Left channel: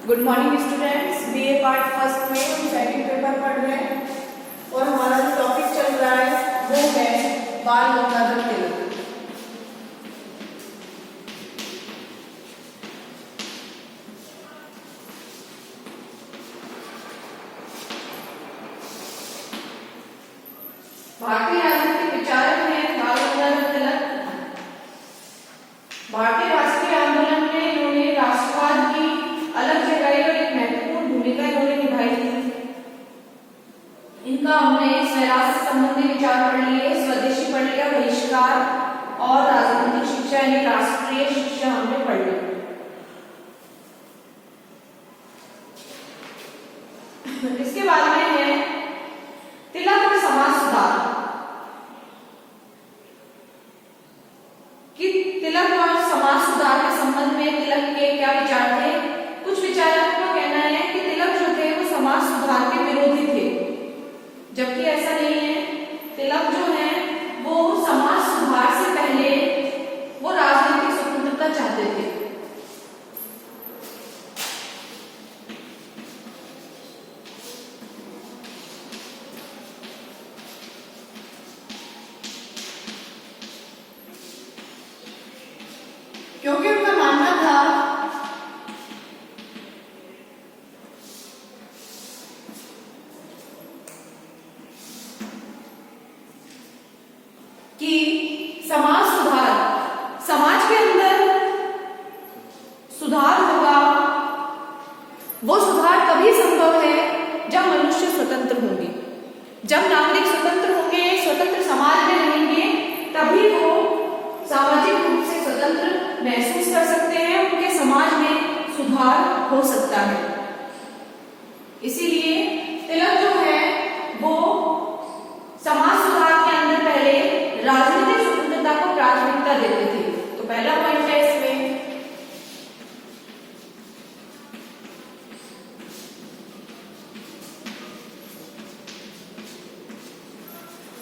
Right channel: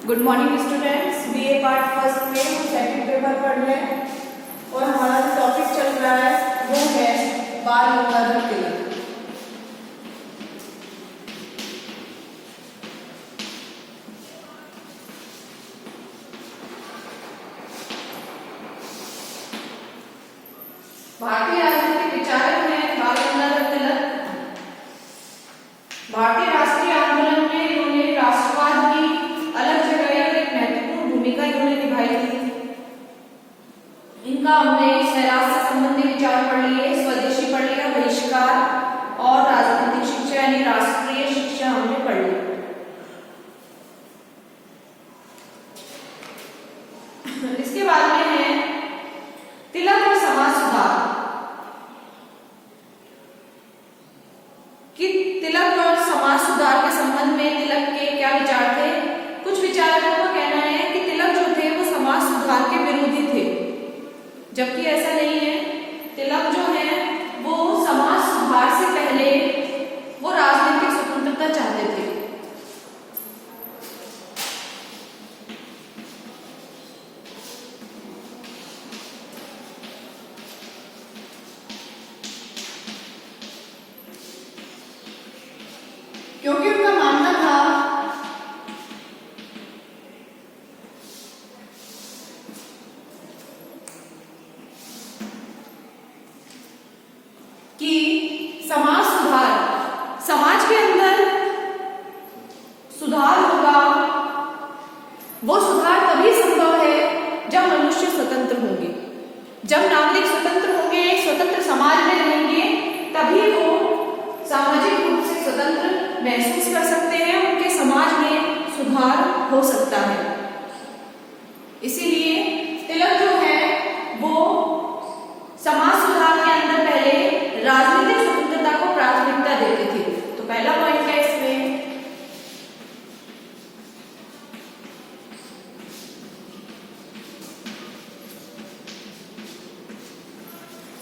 Good morning students. BA part first में हम second paper पढ़ रहे हैं और हमारा जो टॉपिक चल रहा है वो है बाल गंगाधर तिलक। भारतीय राजनीतिक विचारक हैं बाल गंगाधर तिलक। भारतीय राष्ट्रीय आंदोलन में इन्होंने राष्ट्रवाद की अलग जगह और एक महत्वपूर्ण भूमिका इन्होंने निभाई थी। इनका हमने स्वराज से संबंधित विचार पढ़ लिए, स्वदेशी पढ़ लिया, बहिष्कार और राजनीतिक शिक्षा यानी राष्ट्रीय शिक्षा हमने पढ़ ली। इसके बाद में है तिलक और समाज सुधार। कि तिलक और समाज सुधार के संबंध में तिलक के क्या विचार थे। कुछ विचारकों का कहना है कि तिलक जो थे वो समाज सुधार के विरोधी थे, जबकि ऐसा नहीं है। तिलक जो है वो समाज सुधार से पहले वो राजनीतिक स्वतंत्रता चाहते थे। क्योंकि उनका मानना था कि समाज सुधार, समाज के अंदर सुधार होगा, वो सुधार तभी संभव है जब मनुष्य स्वतंत्र होंगे, जब नागरिक स्वतंत्र होंगे, स्वतंत्र समाज में रहेंगे, तभी वो सामाजिक रूप से स्वतंत्र महसूस कर सकते हैं, उनके समाज में सुधार हो सकता है। इसीलिए तिलक जो है वो समाज सुधार के अंदर पहले राजनीतिक स्वतंत्रता को प्राथमिकता देते थे। तो पहला पॉइंट है इसमें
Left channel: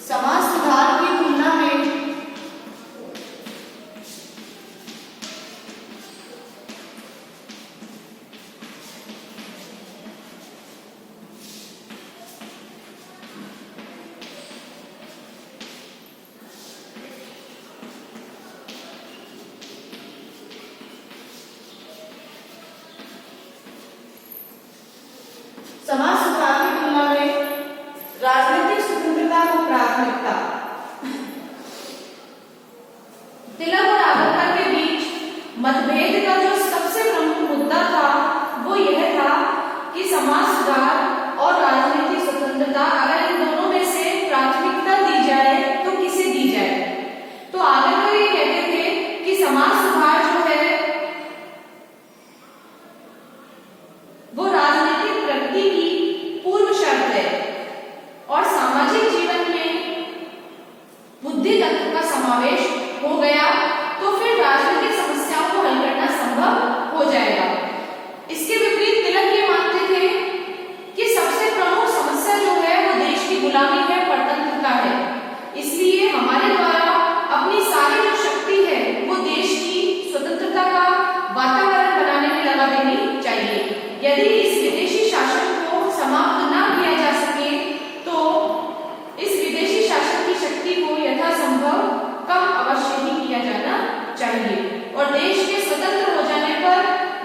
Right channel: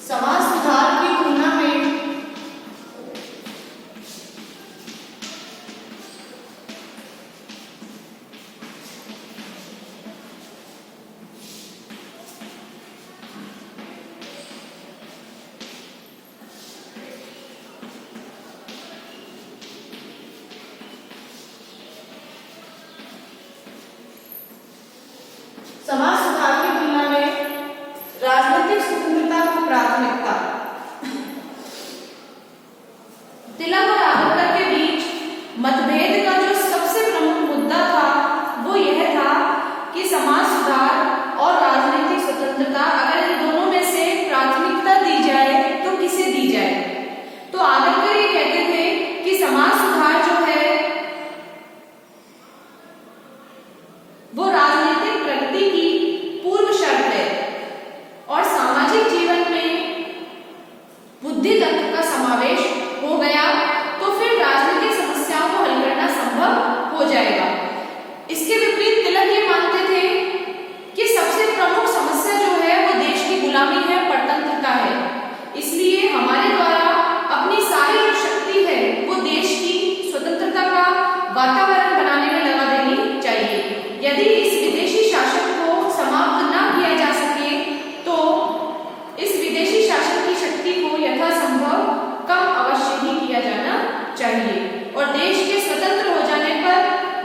समाज सुधार की तुलना में समाज सुधार की तुलना में राजनीतिक स्वतंत्रता को प्राथमिकता। तिलक और आंबेडकर के बीच मतभेद का जो सबसे प्रमुख मुद्दा था वो यह था कि समाज सुधार और राजनीतिक स्वतंत्रता अगर इन दोनों में से प्राथमिकता दी जाए तो किसे दी जाए। तो आंबेडकर ये कहते थे कि समाज सुधार जो है वो राजनीतिक प्रगति की पूर्व शर्त है और सामाजिक जीवन में बुद्धि तत्व का समावेश हो गया तो फिर राजनीतिक समस्याओं को हल करना संभव हो जाएगा। इसके विपरीत तिलक ये मानते थे कि सबसे प्रमुख समस्या जो है वो देश की गुलामी है, परतंत्रता है। इसलिए हमारे द्वारा अपनी सारी जो शक्ति है वो देश की स्वतंत्रता का वातावरण बनाने में लगा देनी चाहिए। यदि इस विदेशी शासन को समाप्त न किया जा सके तो इस विदेशी शासन की शक्ति को यथासंभव कम अवश्य ही किया जाना चाहिए और देश के स्वतंत्र हो जाने पर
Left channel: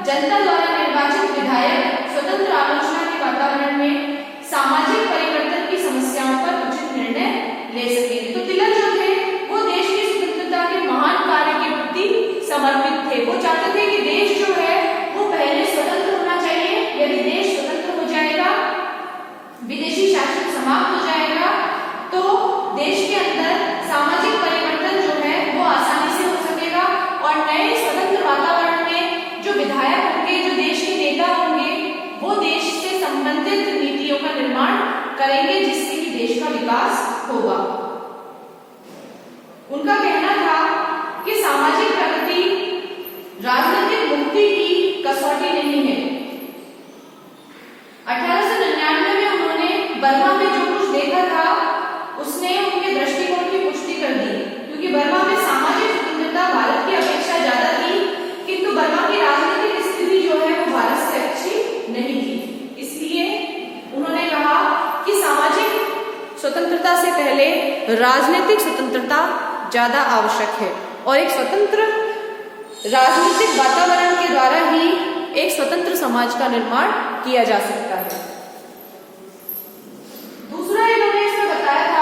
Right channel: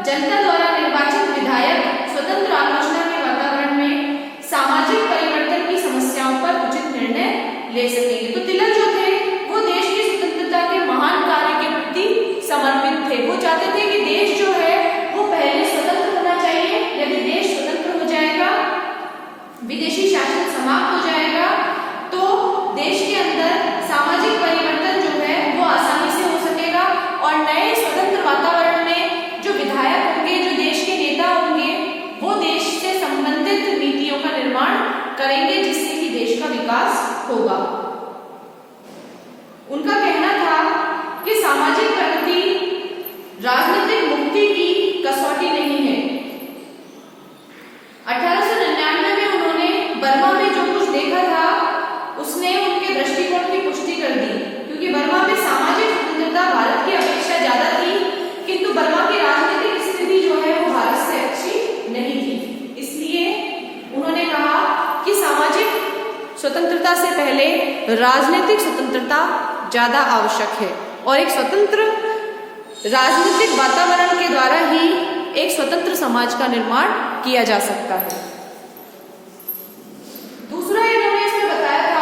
जनता द्वारा निर्वाचित विधायक स्वतंत्र आलोचना के वातावरण में सामाजिक परिवर्तन की समस्याओं पर उचित निर्णय ले सकेंगे। तो तिलक जो थे वो देश की स्वतंत्रता के महान कार्य के प्रति समर्पित थे। वो चाहते थे कि देश जो है वो पहले स्वतंत्र होना चाहिए। यदि देश स्वतंत्र हो जाएगा, विदेशी शासन समाप्त हो जाएगा तो देश के अंदर सामाजिक परिवर्तन जो है वो आसानी से हो सकेगा और नए स्वतंत्र वातावरण में जो विधायक होंगे, जो देश के नेता होंगे, वो देश से संबंधित नीतियों का निर्माण करेंगे जिससे कि देश का विकास होगा। उनका कहना था कि सामाजिक प्रगति राजनीतिक मुक्ति की कसौटी नहीं है। 1899 में उन्होंने बर्मा में जो कुछ देखा था उसने उनके दृष्टिकोण की पुष्टि कर दी, क्योंकि बर्मा में सामाजिक स्वतंत्रता भारत की अपेक्षा ज्यादा थी, किंतु बर्मा की राजनीतिक स्थिति जो है वो भारत से अच्छी राजनीतिक स्वतंत्रता ज्यादा आवश्यक है और एक स्वतंत्र राजनीतिक वातावरण के द्वारा ही एक स्वतंत्र समाज का निर्माण किया जा सकता है। दूसरा इन्होंने इसमें बताया था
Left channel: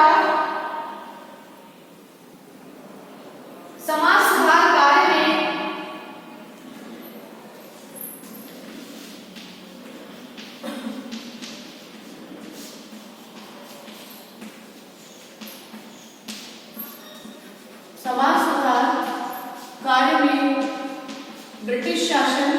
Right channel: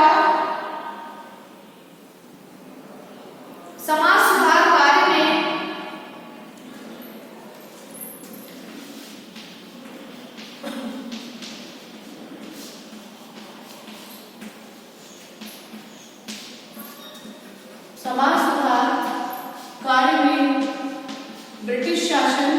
समाज सुधार कार्य में ब्रिटिश शासन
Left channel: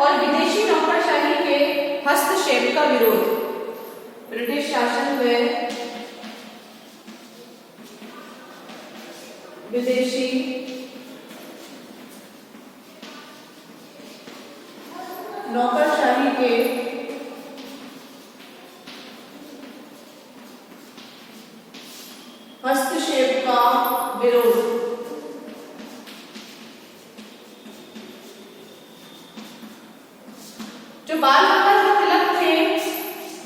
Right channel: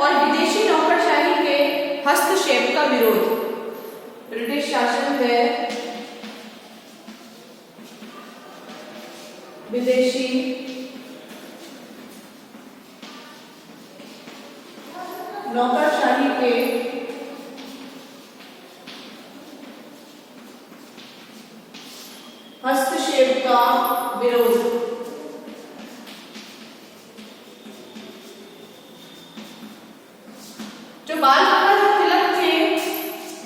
और विदेशी नौकरशाही के हस्तक्षेप का विरोध। ब्रिटिश शासन व विदेशी नौकरशाही के हस्तक्षेप का विरोध। जो बाल गंगाधर तिलक थे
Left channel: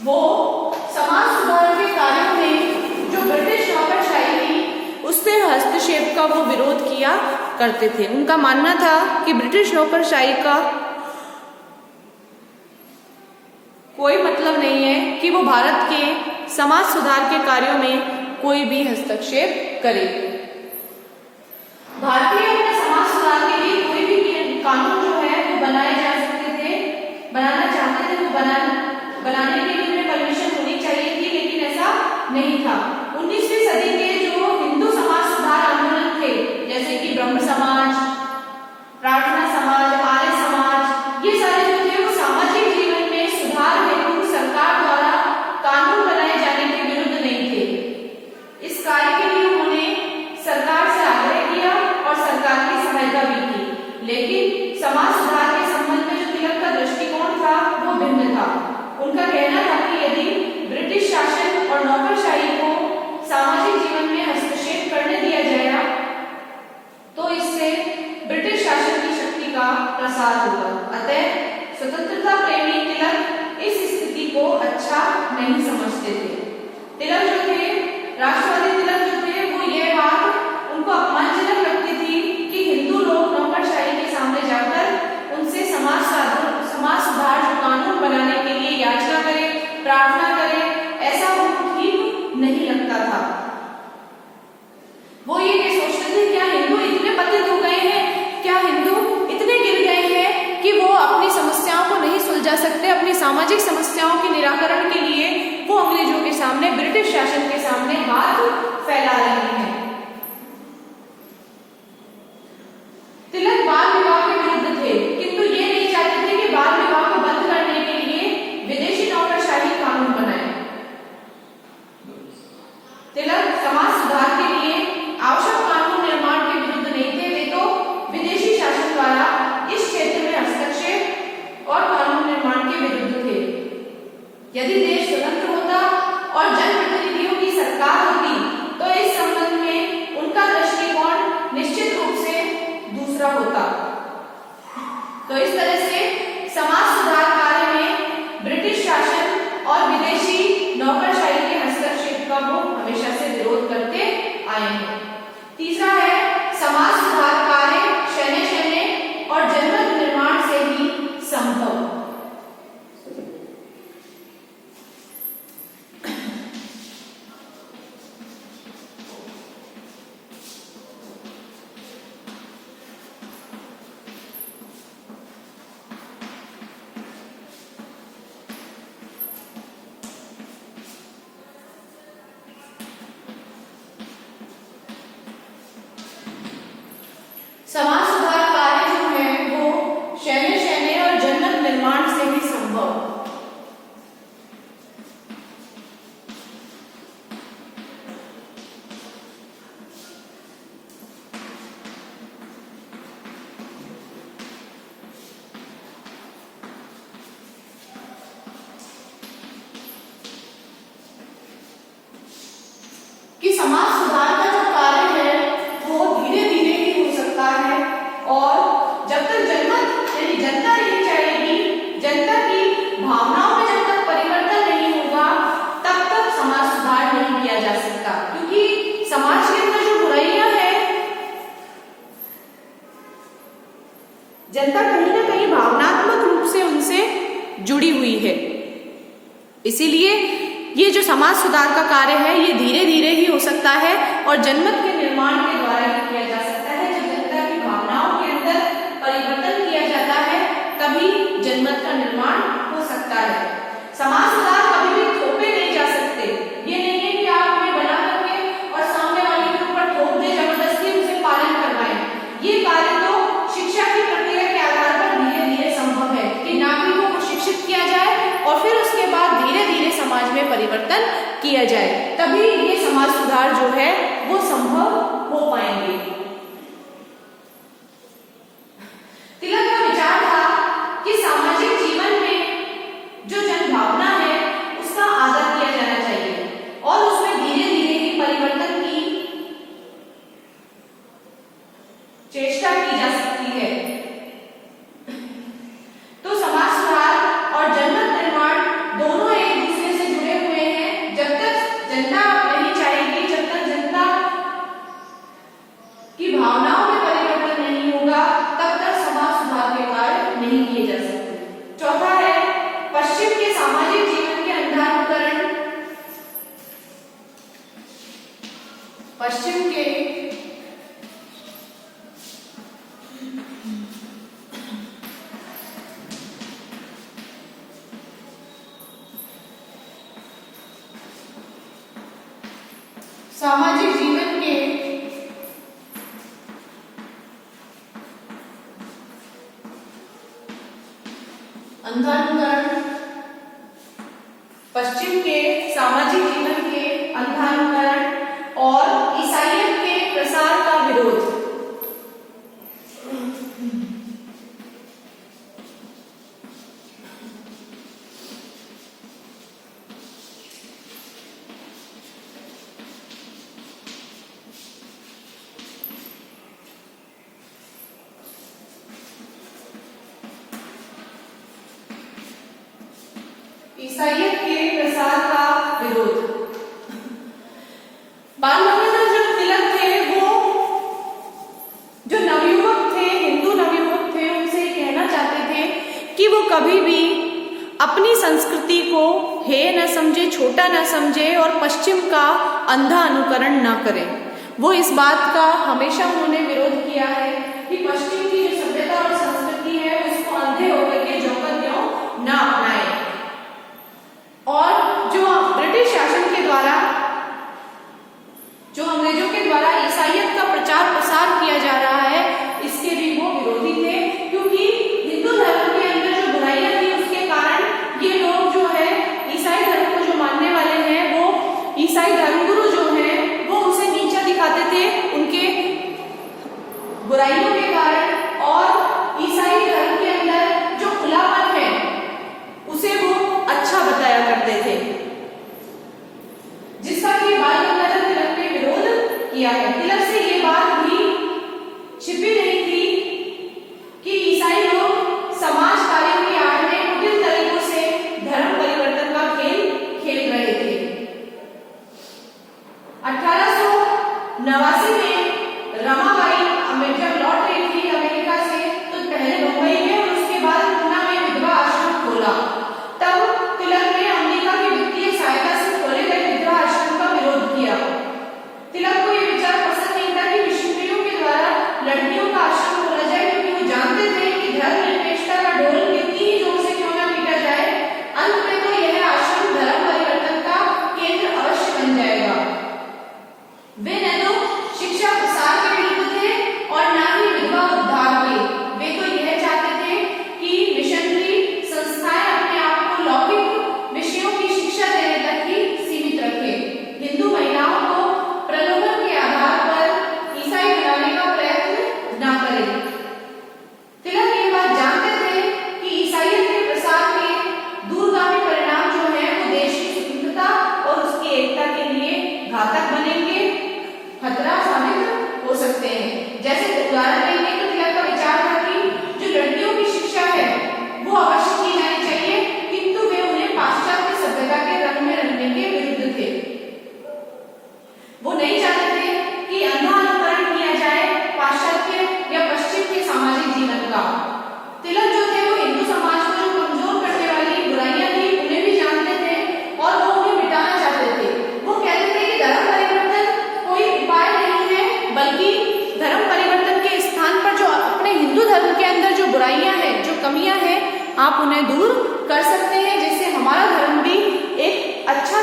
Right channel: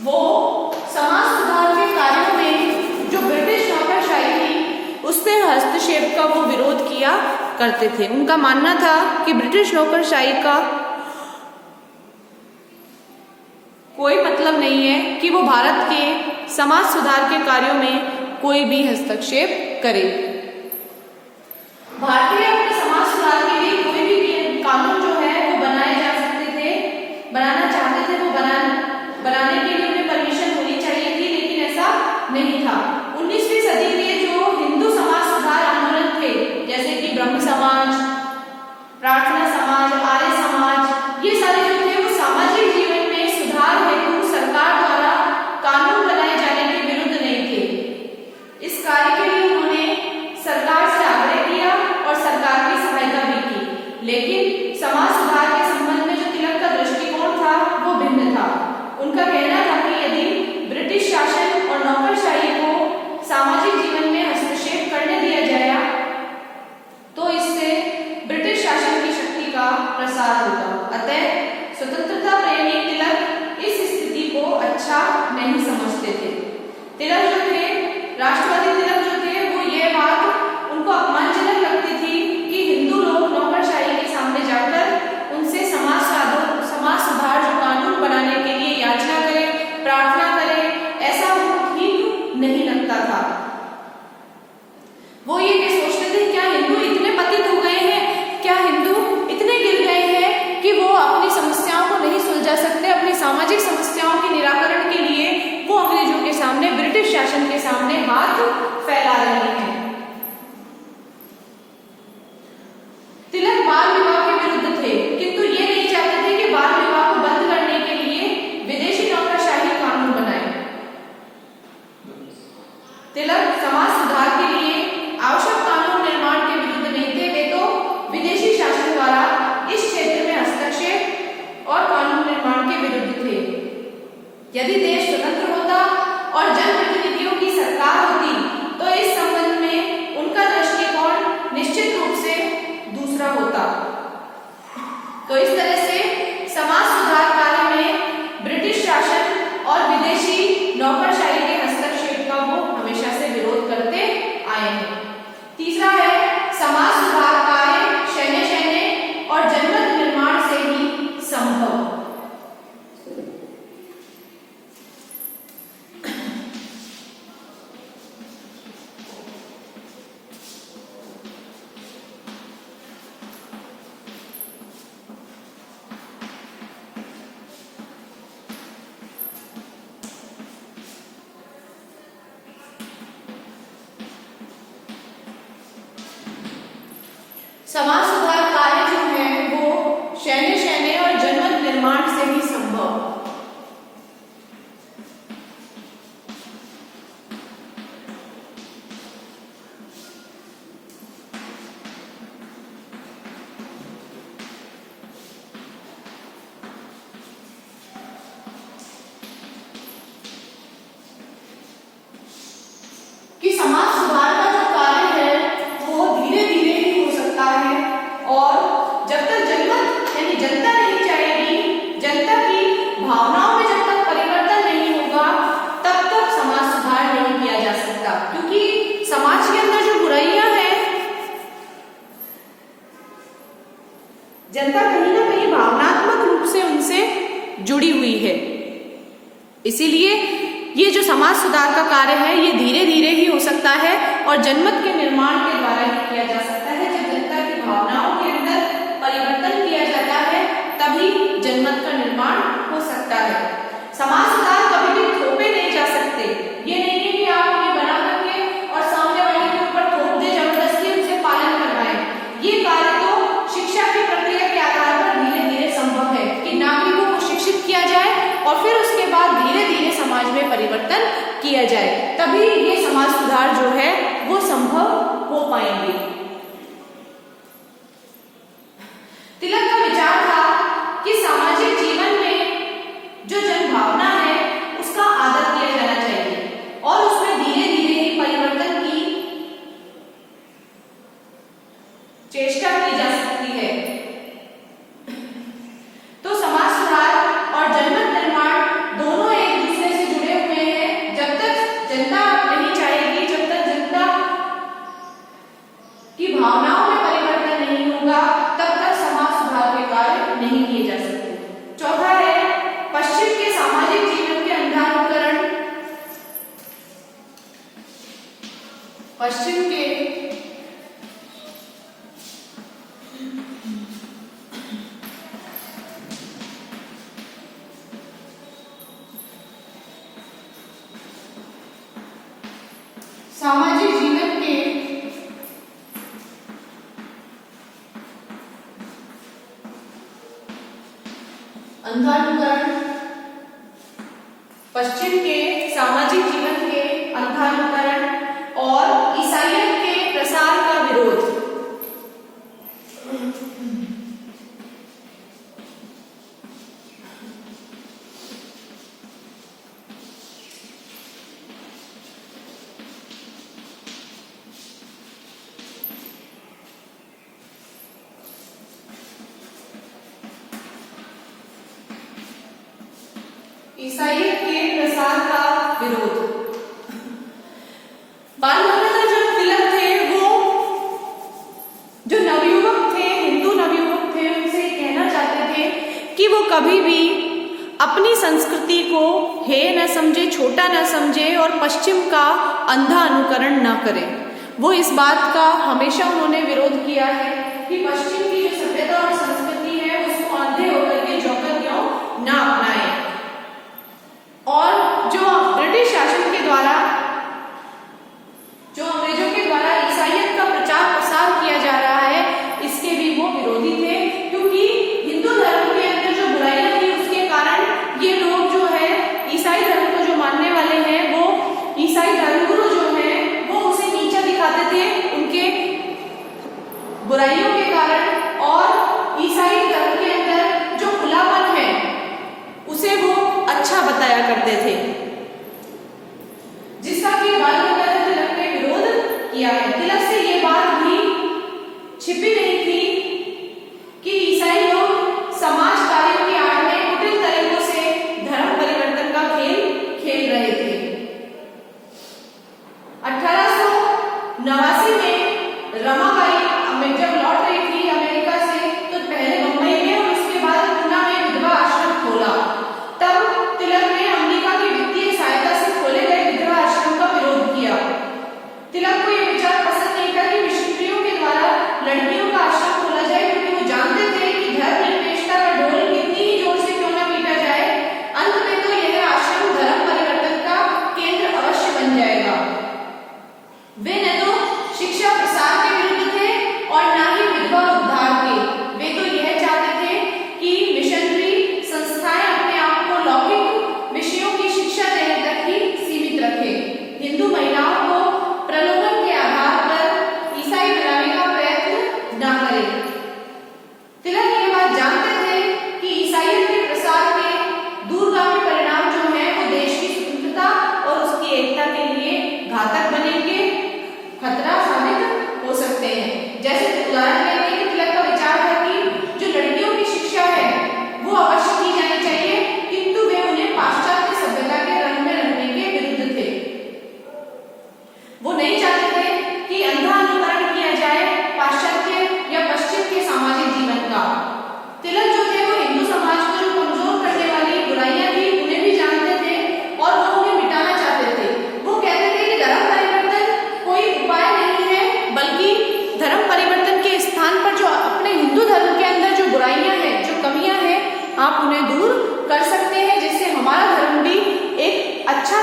वो समाज सुधार के कार्यों में जो ब्रिटिश नौकरशाही थी उससे हस्तक्षेप का वो विरोध किया करते थे। उनका मानना था कि ब्रिटिश नौकरशाही का कोई मतलब नहीं है कि वो भारत के समाज सुधार के कार्यों में कोई भी हस्तक्षेप करे। भारतीयों के समाज सुधार के लिए कोई भी कानून जो है वो बनाए जा सकते थे, बनाना चाहते थे, वो बनाने के लिए उन्हें परमिशन होनी चाहिए थी, लेकिन ऐसा नहीं था। 19वीं सदी के जो हिंदू समाज सुधार आंदोलन थे जैसे कि ब्रह्म समाज, प्रार्थना समाज, आर्य समाज, ये सारे जो थे वो सामाजिक जीवन में सुधार हेतु सरकार द्वारा कानून बनाए जाने के विरुद्ध नहीं थे। इस कार्य के लिए उन्होंने सरकार से आग्रह किया और सरकार की सहायता भी की, लेकिन समाज सुधार के संबंध में जो तिलक का दृष्टिकोण था वो भिन्न था। उनका कहना था कि यदि ब्रिटिश शासन और नौकरशाही को सामाजिक जीवन में हस्तक्षेप करने दिया जाएगा तो इससे ब्रिटिश शासन की शक्ति का प्रसार होगा। अतः स्वतंत्रता प्रेमी तिलक इस स्थिति को अच्छा नहीं समझते थे। तिलक जो थे, राष्ट्रवादी तिलक जो थे, वो यह बात उनको अपमानजनक लगती थी कि हिंदू लोग नौकरशाही के सामने जाकर उनसे समाज सुधार जो कानून बनाने के लिए याचना करें, प्रार्थना करें, ऐसा उनको ठीक नहीं लगता था। वो ये सोचते थे क्या हिंदू इतने पतित हो गए हैं, क्या हिंदू इतने गिर गए हैं कि वो अपनी समस्याओं को नहीं सुलझा सकते, अपनी सामाजिक समस्याओं के निराकरण के लिए वो अंग्रेजों के सामने, ब्रिटिश शासन के सामने हाथ फैला रहे हैं। तिलक बाल विवाह के विरुद्ध थे, किंतु ये नहीं चाहते थे कि बाल विवाह को बंद करने के लिए विदेशी नौकरशाही कानून बनाए। तिलक समाज सुधार के लिए आवश्यक कानून निर्माण के विरुद्ध नहीं थे, वे तो विदेशी शासन द्वारा इस क्षेत्र में हस्तक्षेप और कानून निर्माण के विरुद्ध थे। यदि देश स्वतंत्र होता और जनप्रतिनिधियों की सरकार होती तो इस संबंध में उनका दृष्टिकोण निश्चित रूप से दूसरा होता। तो इस तरह से समाज सुधार कार्य में ब्रिटिश शासन और विदेशी नौकरशाही के हस्तक्षेप का वो हमेशा से विरोध करते आए हैं। तीसरा है समाज सुधार कार्य शहने और जनमत निर्माण से ही संभव। समाज सुधार कार्य जो है वो शहने और जनमत निर्माण से ही संभव। कि समाज सुधार का जो कार्य है वो धीरे धीरे ही हो सकता इसीलिए ये जो समाज सुधार का कार्य है ये धीरे धीरे ही हो सकता है और जनमत के निर्माण के द्वारा ही किया जा सकता है। जब जनता की भावनाओं के अंदर परिवर्तन किया जाता है तभी जनमत का निर्माण हो सकता है। समाज सुधार कभी भी थोपे नहीं जा सकते। ये नहीं है कि आप उन्हें बना करके और सामने वाले के ऊपर थोप दे, जबरदस्ती उसे पालन करवाएं। ये कार्य तो शिक्षा की प्रक्रिया के आधार पर धीरे धीरे संभव है कि नागरिकों को शिक्षित किया जाए और फिर उसके बाद धीरे धीरे समाज में परिवर्तन किया जाए, तभी ये समाज सुधार जो है वो संभव हो पाएंगे। तिलक का विचार था कि सामाजिक जीवन में जो जनभावना है उसका आदर किया जाना चाहिए और उसमें धीरे धीरे ही परिवर्तन की चेष्टा की जा सकती है। तो समाज सुधार और जनमत निर्माण दोनों एक दूसरे से जुड़े हुए हैं। जब तक जनता नहीं चाहेगी, जब तक जनता की भावनाओं में परिवर्तन नहीं होगा, तब तक समाज सुधार के कार्य नहीं किए जा सकते। चौथा है पश्चिम के सामाजिक जीवन के अंधानुकरण। पश्चिम के सामाजिक जीवन के अंधानुकरण, पश्चिम के सामाजिक जीवन के अंधानुकरण और ईसाइयत के प्रसार का विरोध। ईसाइयत के प्रसार का विरोध। बाल गंगाधर जो तिलक थे वो जो नवयुवक थे, हिंदू नवयुवक थे, उनसे कहना चाहते थे कि वो कभी भी अपनी संस्कृति को हे न समझे, छोटा न समझे और पश्चिम का अंधा अनुकरण न करें। वो इस बात का हमेशा उन्होंने विरोध किया है कि पश्चिम की जो सभ्यता और संस्कृति है उसको अंधे होकर के जोकर क्यों न अपनाएं। और जो ब्रिटिश शासन के द्वारा, जो अंग्रेजों के द्वारा ईसाइयत का प्रचार प्रसार किया जा रहा है, इसके भी वो विरोधी थे, क्योंकि हिंदू धर्म के अंदर जो बुराइयां थी उसके कारण ये लोग जो है ईसाई धर्म को जो मानने वाले हैं वो ईसाई धर्मगुरु जो है वो उसे नीचा दिखाते थे उनके बुराइयों के कारण। और ईसाई धर्म के अंदर जो खुलापन है उसे वो अच्छा बताया करते थे, जिसका कि बाल गंगाधर तिलक ने विरोध किया है। तिलक से ये बात भी छिपी नहीं थी कि ईसाई लोग समाज कार्यों की आड़ में कुटिल तरीकों से धर्म परिवर्तन का खेल खेल रहे थे। 1889 में रमाबाई जब लौट रही थी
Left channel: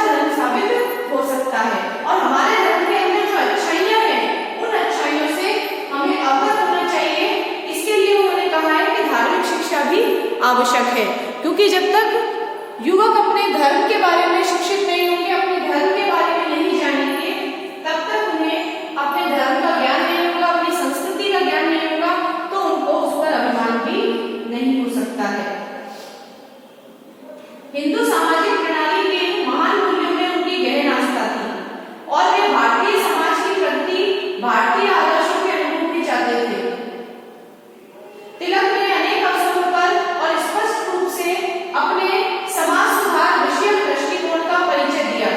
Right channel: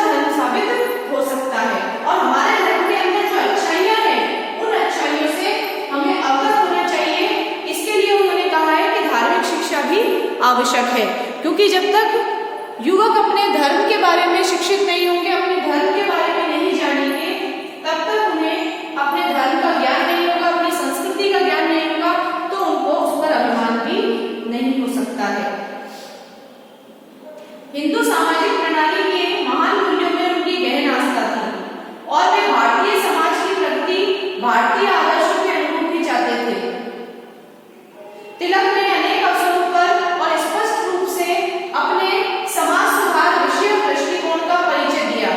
धर्म साबित हो सकता है। और हमारे धर्म के अंदर जो अच्छाइयां हैं उन अच्छाइयों से हमें अवगत होना चाहिए। इसके लिए उन्होंने कहा है कि धार्मिक शिक्षा भी आवश्यक है, क्योंकि जब तक युवक अपने धर्म के बारे में शिक्षित नहीं होंगे, अपने धर्म के बारे में नहीं जानेंगे, तब तक उन्हें अपने धर्म का ज्ञान नहीं होगा, अपनी संस्कृति का ज्ञान नहीं होगा, तो उनको उस पर अभिमान भी नहीं हो सकता है। हिंदू सामाजिक प्रणाली के महान मूल्यों में उनकी गहन आस्था थी और वे भारतीय समाज की प्रगति, भारतीय आदर्शों के अनुरूप ही चाहते थे। तिलक ने अनेक अवसरों पर और स्पष्ट रूप से अपने समाज सुधार विषयक दृष्टिकोण का परिचय दिया।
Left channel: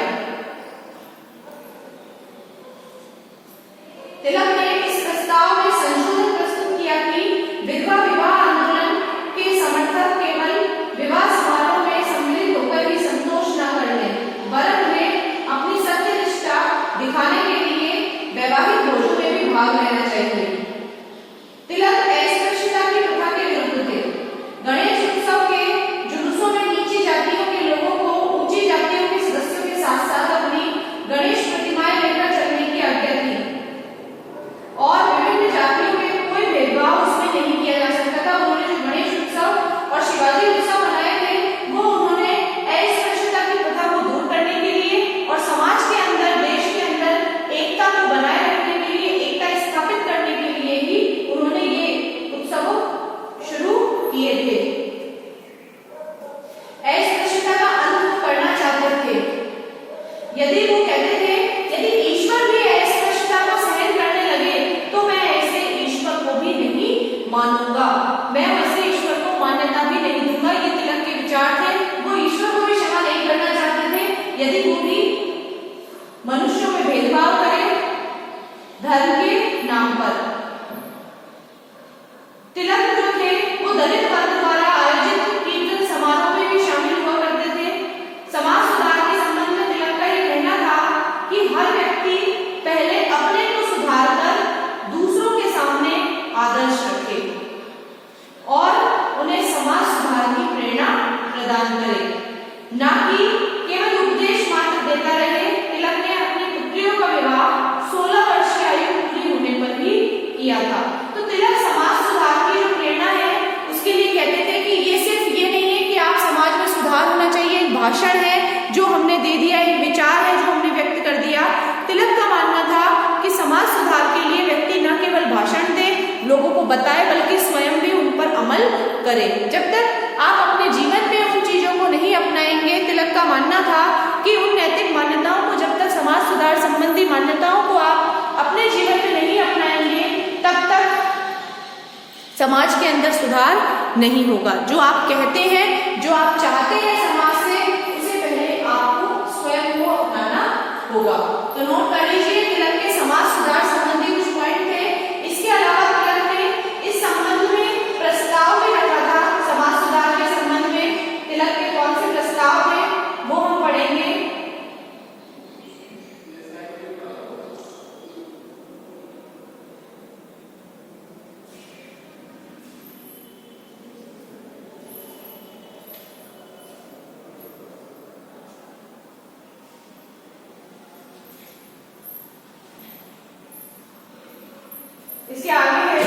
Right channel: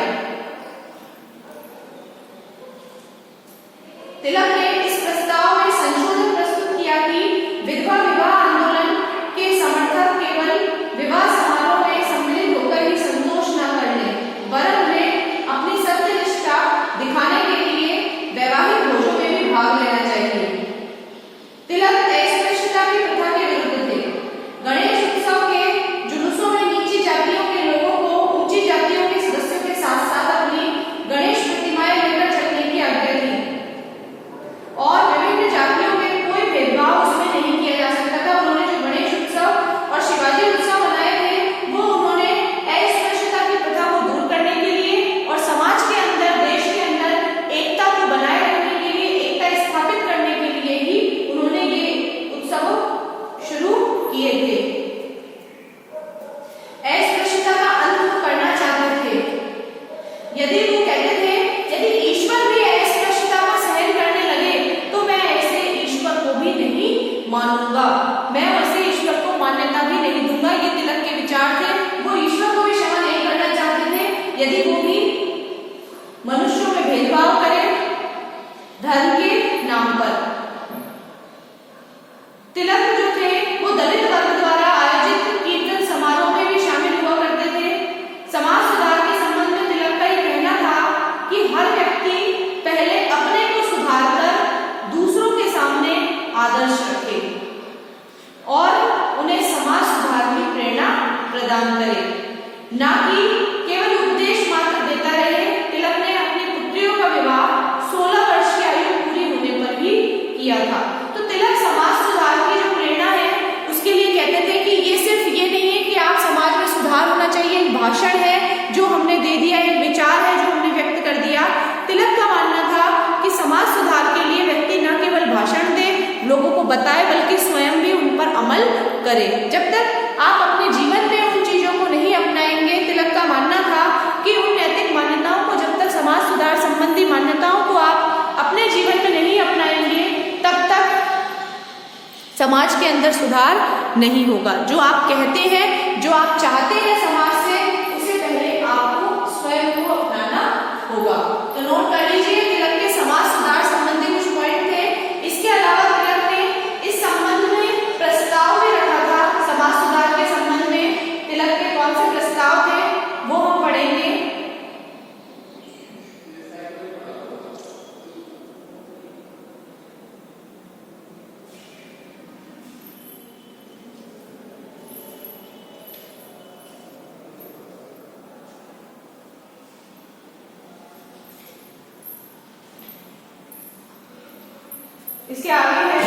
तिलक ने इस प्रस्ताव में संशोधन प्रस्तुत किया कि विधवा विवाह आंदोलन के समर्थक केवल विवाह समारोह में सम्मिलित होकर ही संतोष न कर ले, वरन वे अपनी सत्यनिष्ठा दिखाने के लिए वैवाहिक भोजों में भी भाग लेना चाहिए। तिलक अस्पृश्यता की प्रथा के विरुद्ध थे। गणेश उत्सव के जुलूसों में नीची जातियों के लोगों को ऊंची जातियों के सदस्यों के साथ साथ अपनी गणेश प्रतिमाएं लेकर चलने की आज्ञा थी और विभिन्न जातियों में कोई भेदभाव उसमें नहीं किया जा सकता था। उन्होंने जो गणेश उत्सव और शिवाजी उत्सव मनाए थे वो उन्होंने अस्पृश्यता की प्रथा को दूर करने के लिए और समाज के अंदर, देश के अंदर एकता को बनाए रखने के लिए, एकता स्थापित करने के लिए ही उन्होंने ये उत्सव शुरू किए थे। अस्पृश्यता का अंत करना चाहते थे। यदि वो कहते थे यदि ईश्वर भी अस्पृश्यता को सहन करने लगे तो मैं ऐसे ईश्वर को भी नहीं मानूंगा, मैं ऐसे ईश्वर को मान्यता भी नहीं दूंगा। ये तिलक के विचार थे। वो ईश्वर को भी क्षमा नहीं करना चाहते थे यदि वो भी मनुष्यों में भेदभाव करे धर्म के नाम पर। तिलक जो थे वो दलित वर्ग द्वारा आयोजित कीर्तन समारोह में भी शामिल हुआ करते थे। समाज सुधार के संबंध में तिलक का ये कहना था कि हर व्यक्ति पहले अपने को सुधार कर दूसरों के सामने आदर्श रखे और उन्हें समाज सुधार की प्रेरणा प्रदान करे, ना कि केवल उपदेश मात्र देता रहे। तिलक ने अपनी पुत्रियों का विवाह 16 वर्ष की आयु पूरी होने पर भी किया था। तो तिलक समाज सुधार की जो प्रेरणा है उसके लिए कहते थे कि ये सिर्फ ये नहीं है कि आप समाज में सुधार होना चाहिए, एक भाषण है जो हमने दे दिया, एक विचार है जो हमने व्यक्त कर दिया। तिलक का मानना था कि समाज सुधार के लिए व्यक्ति न केवल भाषण दे, लोगों को बताए, बल्कि स्वयं भी उन पर अमल करे। जब तक आप अपने जीवन में उन चीजों को नहीं अपनाएंगे, तिलक का मानना था कि उन नैतिक मान्यताओं को, जब तक समाज सुधार संबंधी मान्यताओं को आप अपने जीवन में नहीं अपनाएंगे, तब तक समाज के अंदर सुधार नहीं होगा। जो आप कहते हैं, जो आप चाहते हैं समाज से, उसे पहले आपको स्वयं को अपनाना होगा। तो नोट कर लीजिए तिलक के समाज सुधार संबंधी कुछ पॉइंट थे। इसके अलावा तिलक ने इस संबंध में प्रस्ताव भी रखा था। समाज सुधार के संबंध में तिलक के कौन से प्रस्ताव थे वो हम पढ़ेंगे। इसके आगे है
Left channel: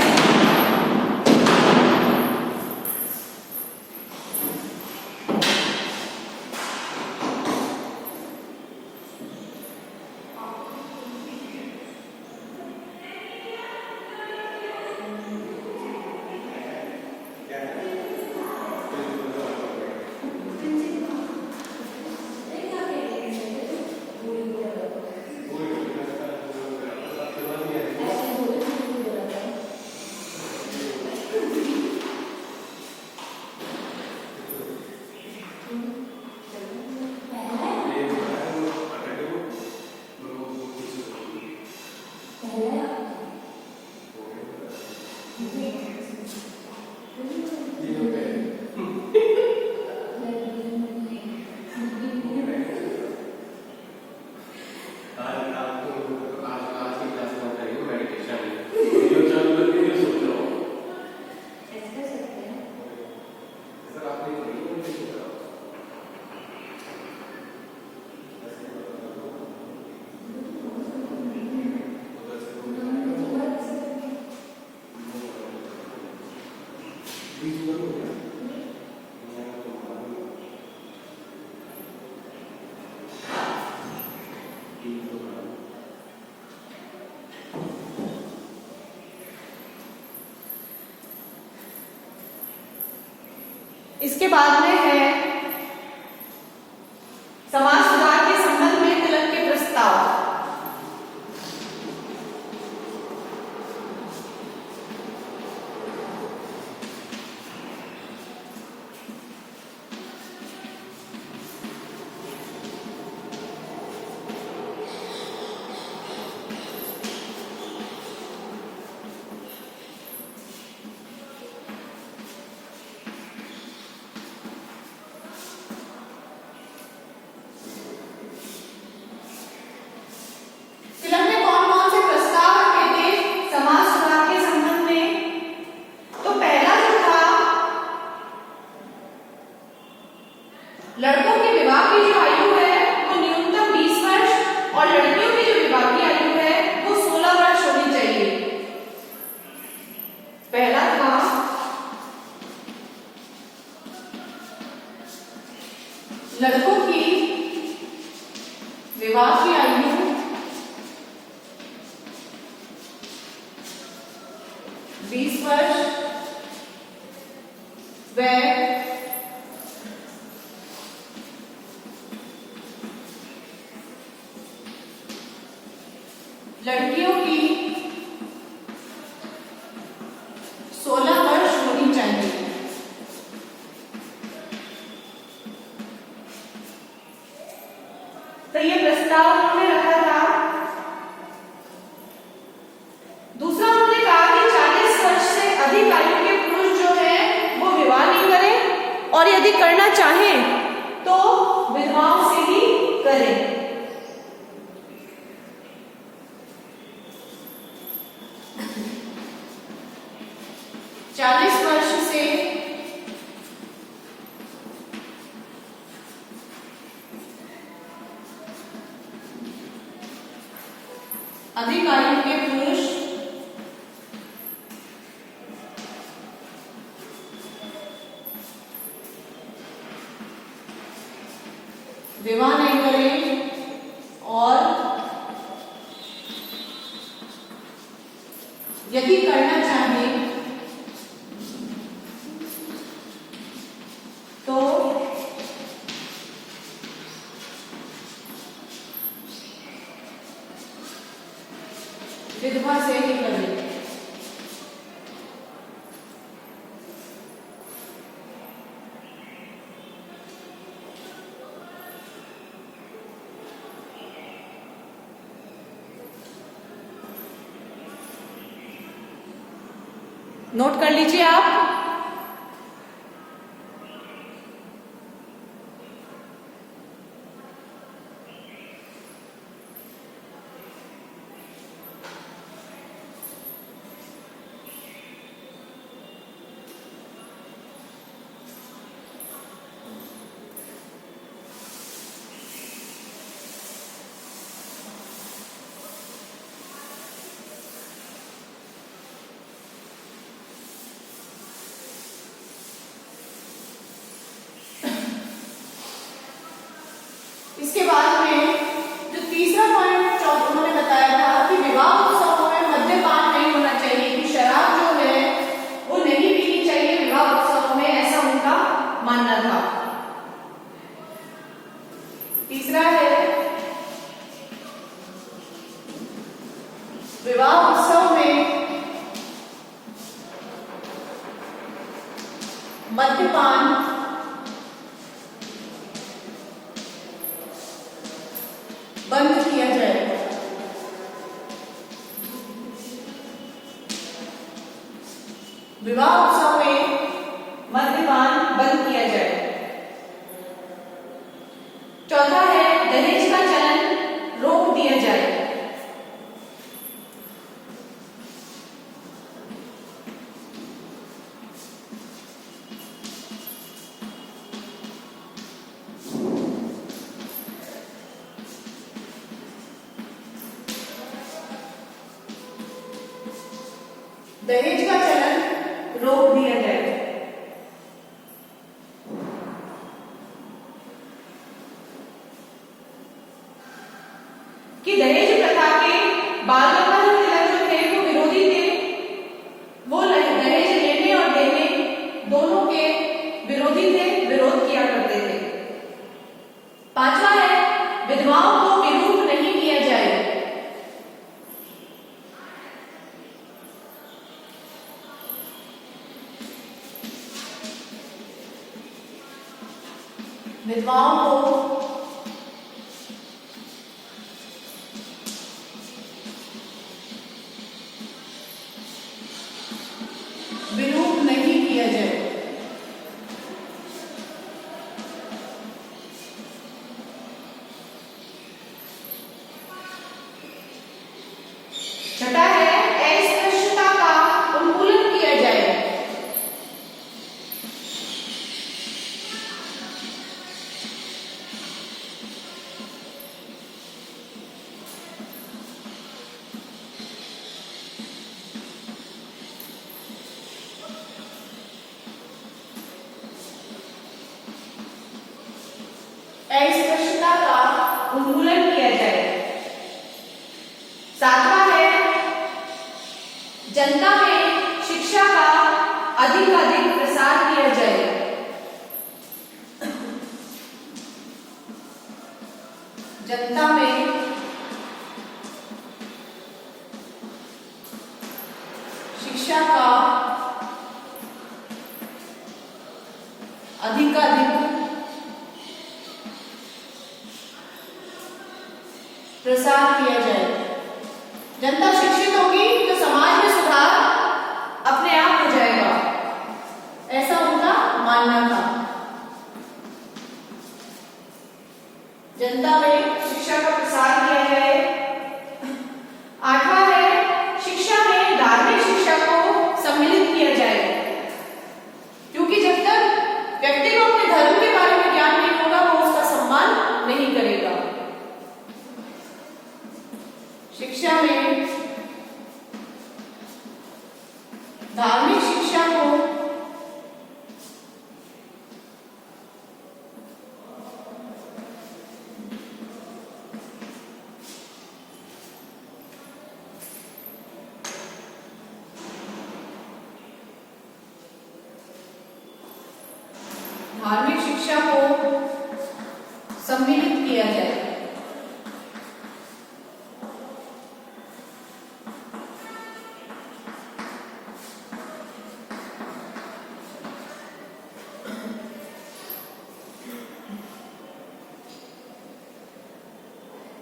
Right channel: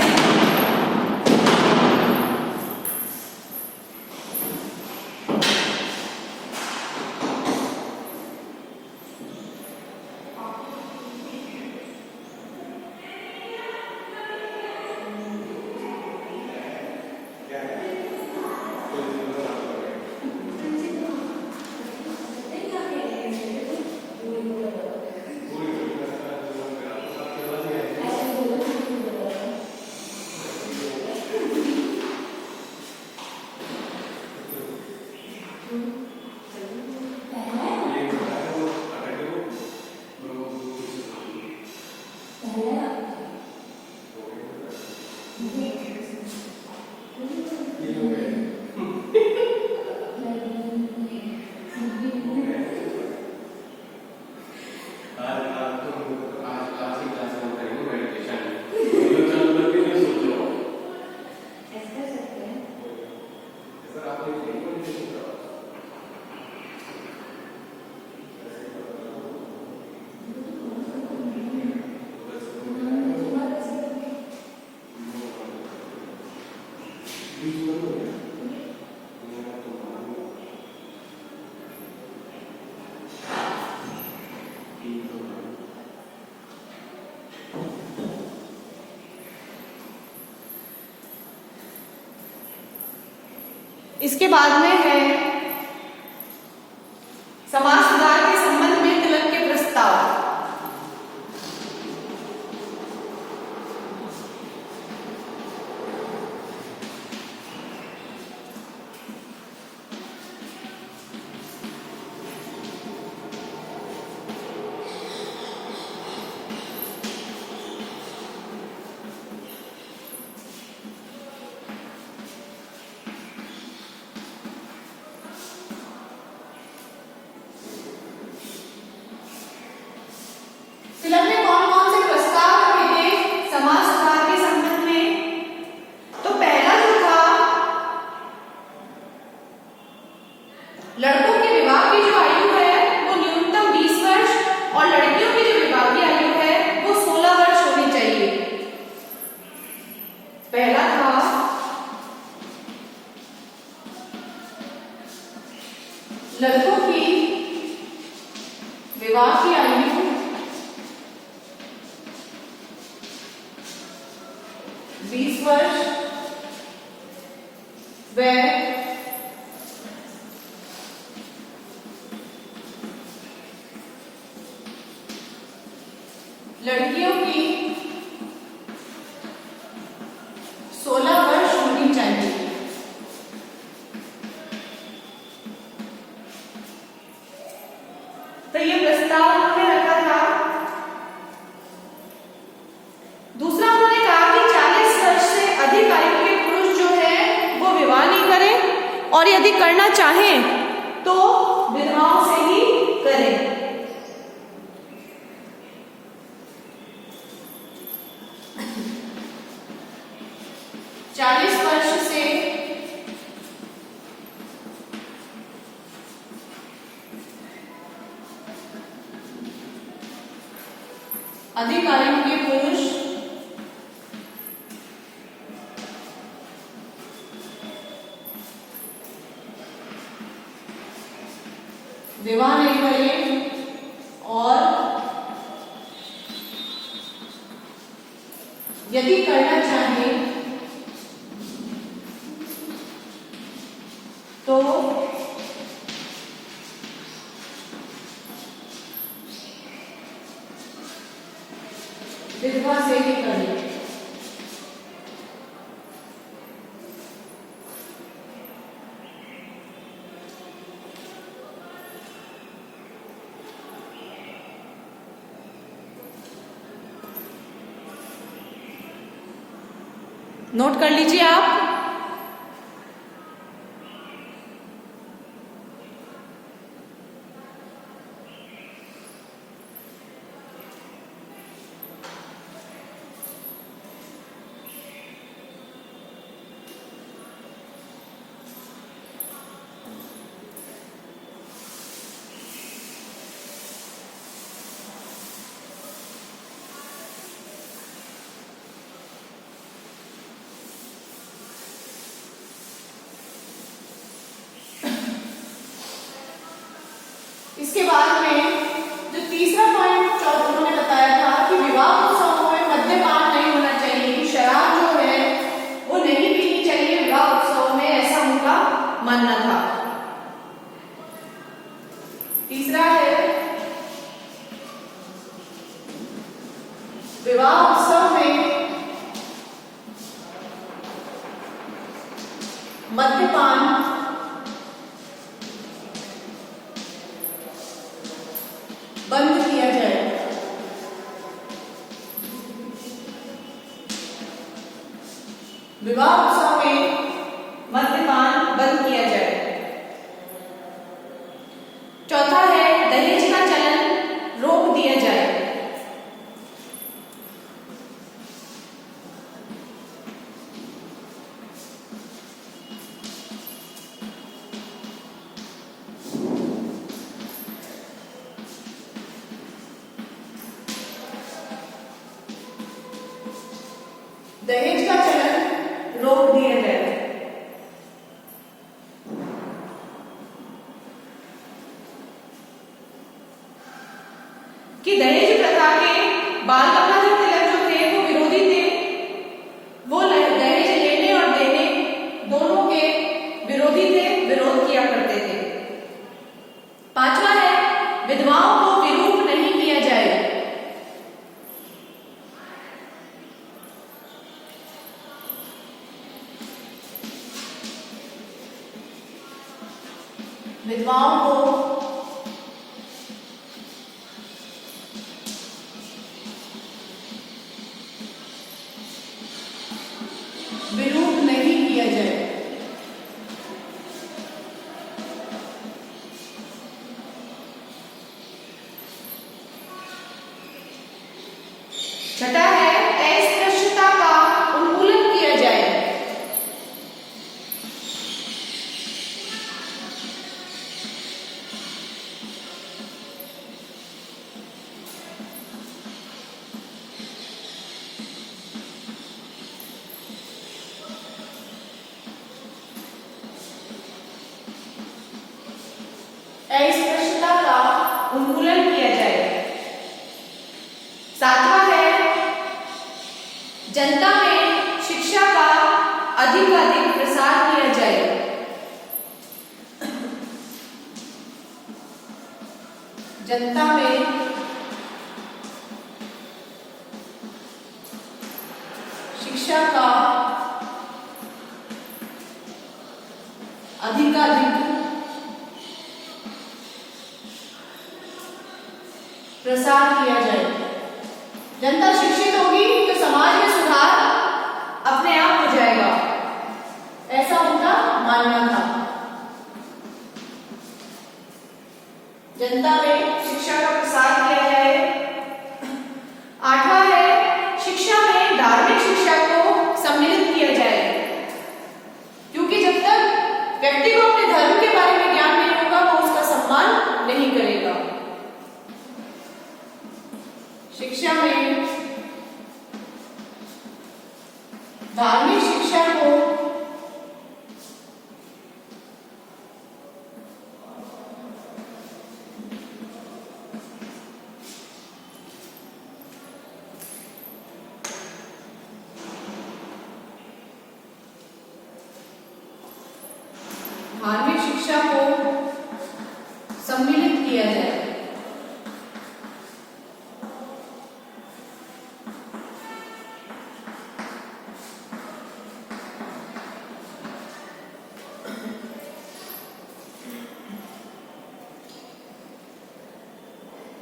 इसके बाद में है समाज सुधार के संबंध में तिलक के प्रस्ताव। तिलक ने कौन कौन से प्रस्ताव रखे थे समाज सुधार के संबंध में? तो पहला जो था, लड़कों के विवाह की जो आयु है वो न्यूनतम 20 वर्ष और लड़कियों की जो विवाह की आयु है वो 16 वर्ष होनी चाहिए। पहला था लड़कों की विवाह की आयु 20 वर्ष व लड़कियों की 16 वर्ष होनी चाहिए। तो ये प्रस्ताव उन्होंने रखा था। दूसरा उन्होंने कहा कि 40 वर्ष से अधिक आयु के पुरुष जो है वो विवाह नहीं करें और यदि करना चाहें तो विधवाओं से ही करें। चालीस वर्ष से अधिक आयु के पुरुष विवाह नहीं करें और यदि करना चाहे तो विधवा से ही करें। नोट कर लीजिए आप। इसके बाद में जो तीसरा पॉइंट उन्होंने बताया था कि विवाह उत्सवों में मद्यपान नहीं होना चाहिए, कि शराब जो है वो नहीं पीनी चाहिए विवाह उत्सव में, ऐसा उनका मानना था। तीसरा है विवाह उत्सव में मद्यपान बंद किया जाए। विवाह उत्सव में मद्यपान बंद किया जाए। चौथा है दहेज का चलन रोक दिया जाए। दहेज का चलन रोक दिया जाए। कि दहेज प्रथा के बाल गंगाधर तिलक जो थे वो विरोधी थे। वो दहेज लेने और देने दोनों के विरोधी थे, विरोध किया करते थे। पांचवा है विधवाओं को विरूप नहीं किया जाए। विधवाओं को विरूप नहीं किया जाए। छठा है अस्पृश्यता का उन्मूलन किया जाए। अस्पृश्यता का उन्मूलन किया जाए। सातवां है जनता में शिक्षा का अधिक प्रसार किया जाए। जनता में शिक्षा का अधिक प्रसार किया जाए। जनता शिक्षित होगी तो समाज में सुधार अपने आप हो जाएगा, ऐसा उनका मानना था। जनता में शिक्षा का प्रसार किया जाए। आठवां है शिक्षा में धार्मिक शिक्षा को सम्मिलित किया जाए, क्योंकि जब तक व्यक्ति को अपने धर्म के बारे में ज्ञान नहीं होगा वो उसका सम्मान नहीं करेगा। शिक्षा में धार्मिक शिक्षा को सम्मिलित किया जाए।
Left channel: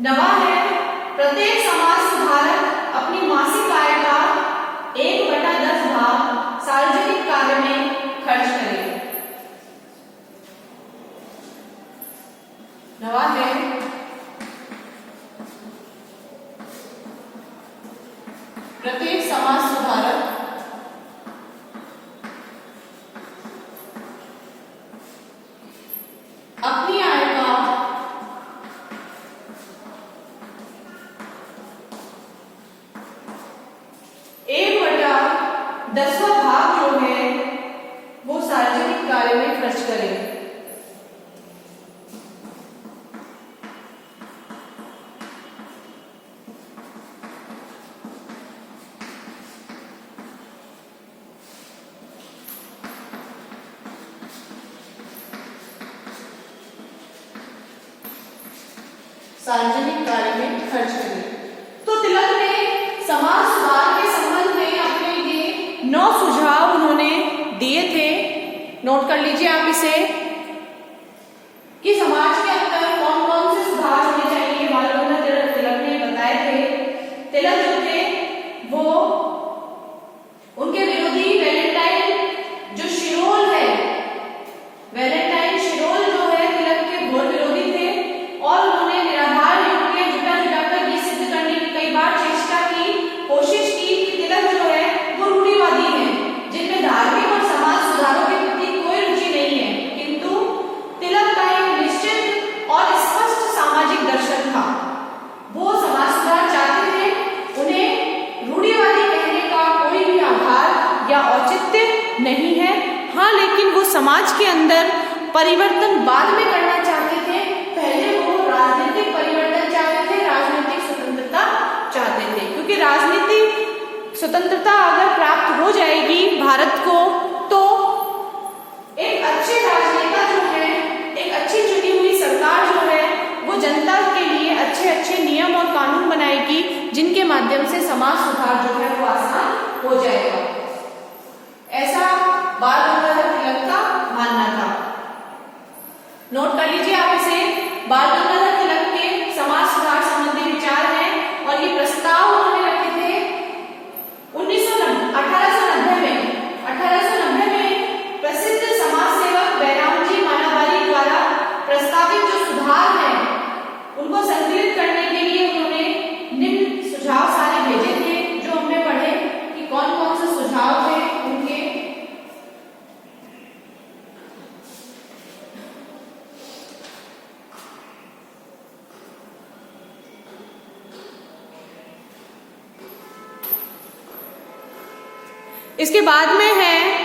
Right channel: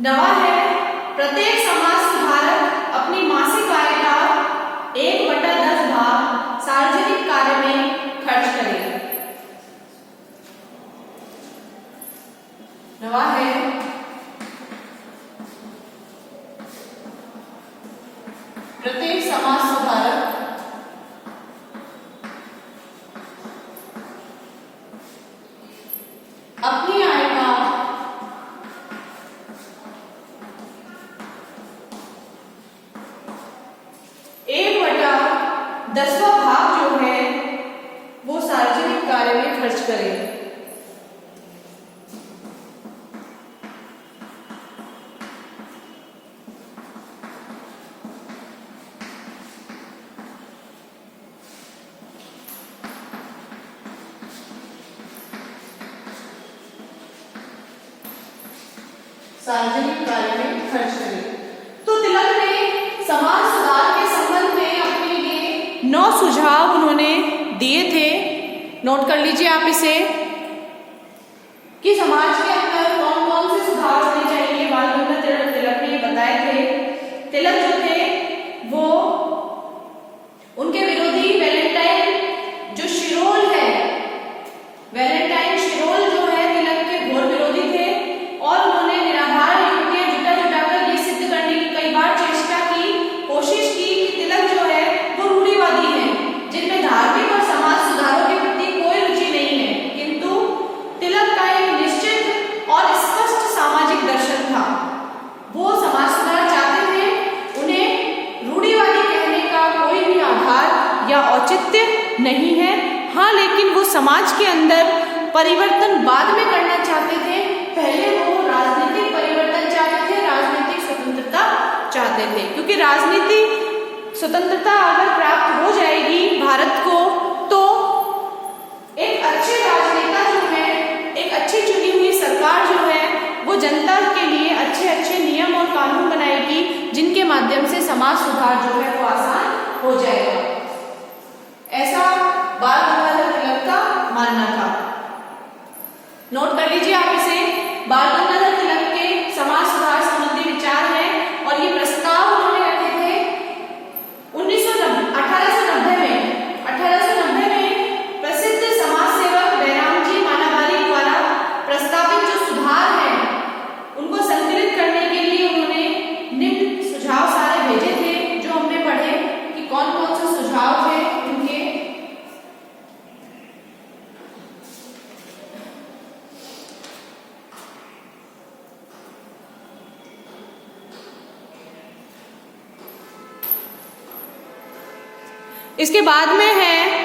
नवा है प्रत्येक समाज सुधारक अपनी मासिक आय का 1/10 भाग सार्वजनिक कार्य में खर्च करे। नवा है प्रत्येक समाज सुधारक अपनी आय का 1/10 भाग जो है वो सार्वजनिक कार्य में खर्च करे। सार्वजनिक कार्य में खर्च करें। तो तिलक ने समाज सुधार के संबंध में अपने ये 9 सुझाव उन्होंने दिए थे। नोट कर लीजिए आप इसे कि समाज के अंदर कौन कौन से सुधार होने चाहिए। बाल गंगाधर तिलक ने बताए थे। तिलक जो थे वो उनके विरोधी वैलेंटाइन जो शिरोल है, वैलेंटाइन शिरोल जो है तिलक के घोर विरोधी थे और उन्होंने निराधार युक्तियां जुटाकर ये सिद्ध करने की कई बार चेष्टा की, कोशिश की कि तिलक जो है वो रूढ़िवादी है, जिनमें धार्मिक और समाज सुधारों के प्रति कोई रुचि नहीं है। किंतु तिलक का एक निश्चित और स्पष्ट सामाजिक दर्शन था। वो समाज सुधार चाहते थे, उन्हें रूढ़िवादी कहने का कोई भी आधार या औचित्य नहीं है। हाँ, लेकिन वो समाज के अंदर परिवर्तन बाद में करना चाहते थे। पहले वो राजनीतिक परिवर्तन चाहते थे, राजनीतिक चाहते थे, क्योंकि राजनीतिक स्वतंत्रता अगर प्राप्त हो जाएगी भारत को तो एक अच्छे राजनेता जो है, एक अच्छी चुनी हुई सरकार जो है वो जनता के लिए अच्छे अच्छे नियम और कानून बनाएगी, जिनके माध्यम से समाज सुधार जो है वो आसान हो जाएगा। ऐसा बाल गंगाधर तिलक का मानना था। नोट कर लीजिए आप इसे। बाल गंगाधर तिलक के समाज सुधार संबंधी विचार है और ये प्रस्ताव उन्होंने रखे थे 1890 में। 1890 में प्रसिद्ध समाज सेवक बैराम जी मालाबारी द्वारा प्रस्तावित जो सुधार है उनको संकलित करने के लिए उन्होंने निम्न सुझाव सारे भेजे थे, जो हमने पढ़े कि कौन कौन से सुझाव थे उनके। इसके बाद में है